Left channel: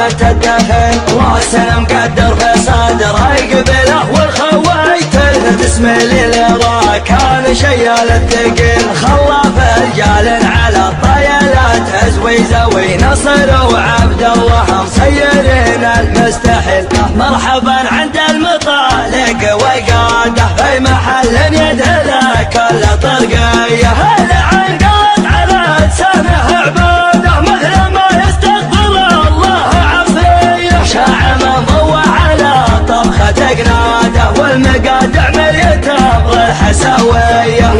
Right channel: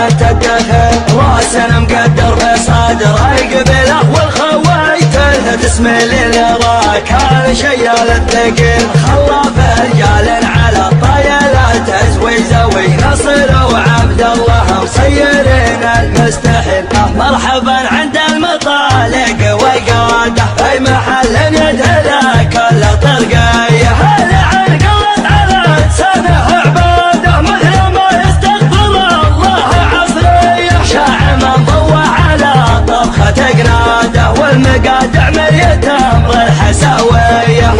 بنت الدخل، راسه مقدر في صدره يقبله والخويت له تسميل الراك كان شيال الثقيل، خلاف رجال على الطيلات تزويزه ونصر وعبد الله مسيرين المستحيل. مرحبا عند المطالق والقاده في محل يدهله كل طرقيه، هل عن قلت على لسانه عباده مثل ما يستغفر الله عصريه، شاع من ضوى على طبخه قناده والمقادع مريت امر الحساويه.